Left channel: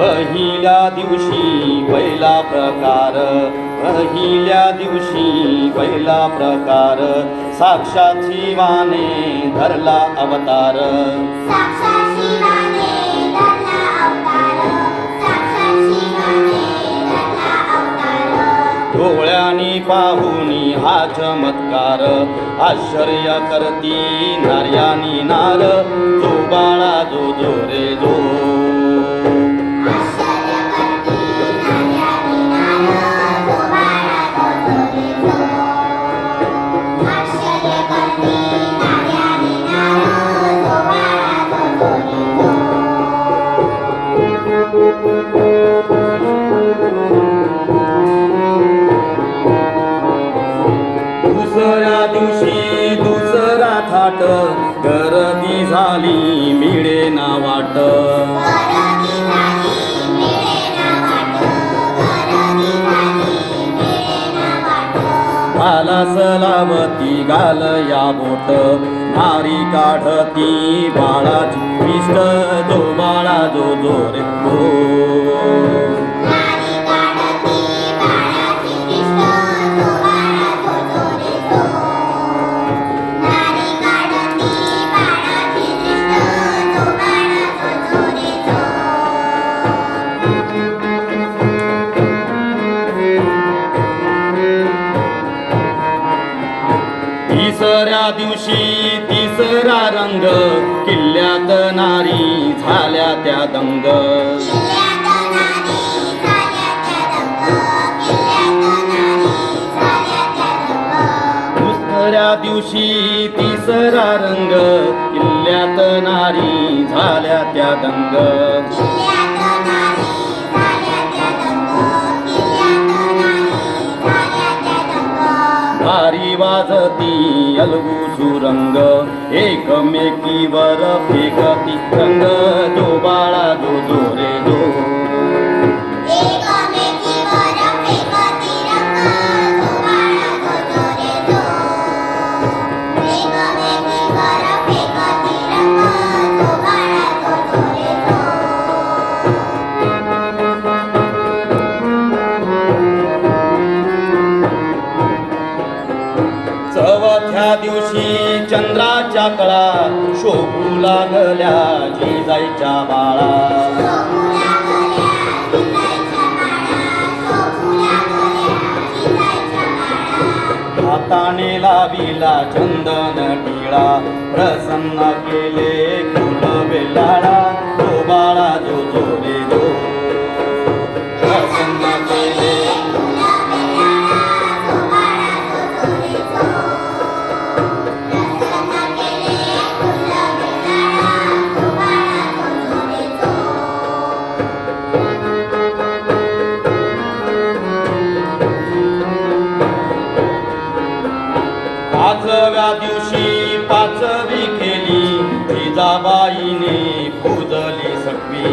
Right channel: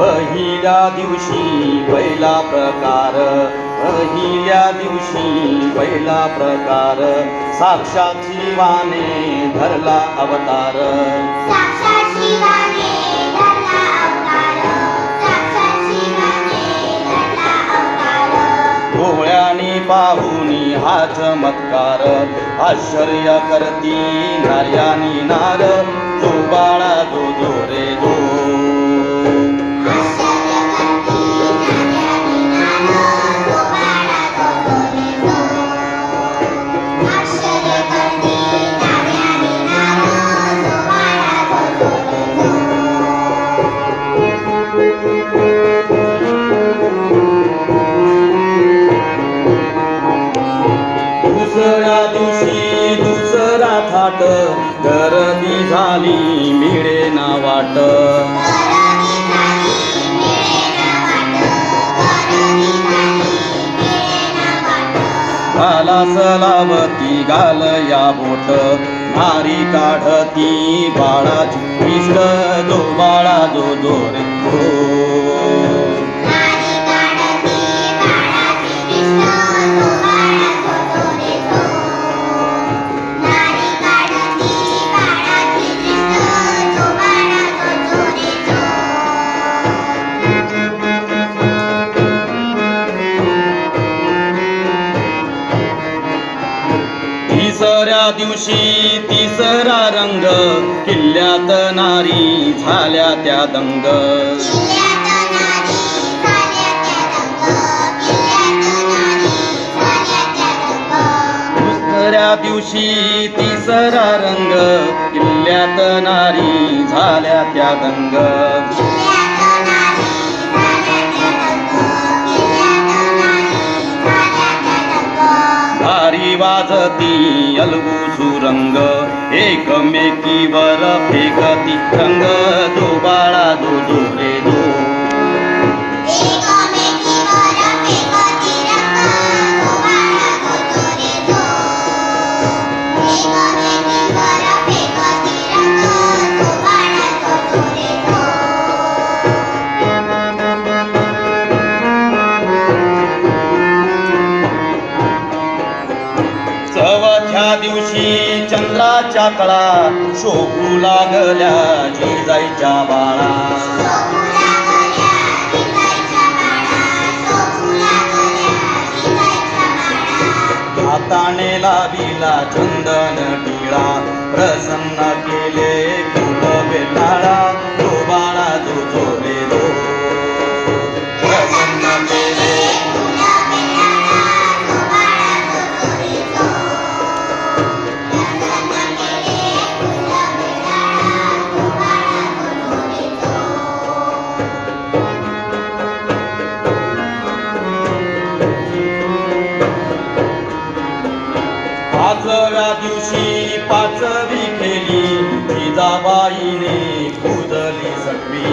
पहिल्या दिवशी पहिला प्रकार पहिल्या दिवशी पहिला प्रकार. साक्षात शिवाने धरला अवतार. डोळ्यानी पाहुनी हा चमत्कार आश्चर्य करती नार्यानी नार. जो बाळा जो जो रे दिवशी दुसरा थाट गर्दी झाली मिळे ना वाट. करणी घाला सलावती घाल या बोट नारी काढती बाळाची इष्ट जो बाळा जो जो दिवशी तिसरा रंग किल्ल्यात नारी झाल्या त्या दंग. दुसऱ्या दिवशी तिसरा रंग किल्ल्यात नारी झाल्या त्या दंग. दंग वाजती अलगू सुरंग एकमेकीवर फेकती रंग त्या दिवशी चंद्राच्या कळा शोभू लागल्या जिजाईच्या बाळा. हाताने लाविला चंदन टिळा प्रसन्न केले कुल बेताळा. पाचव्या दिवशी पाचवी केली जिजाबाईने पूजली पूजली सटवी.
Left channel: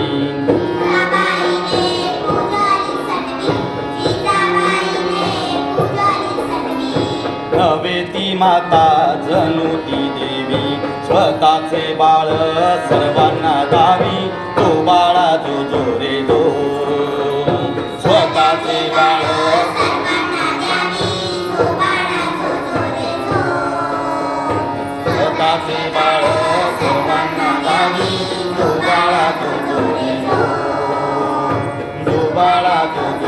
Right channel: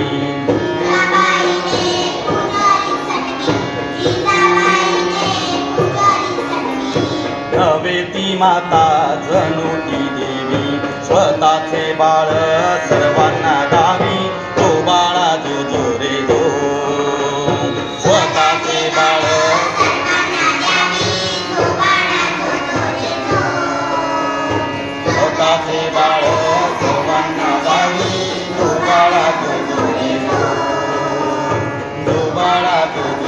नवे ती माता जणू ती देवी. स्वतःचे बाळ Thank you.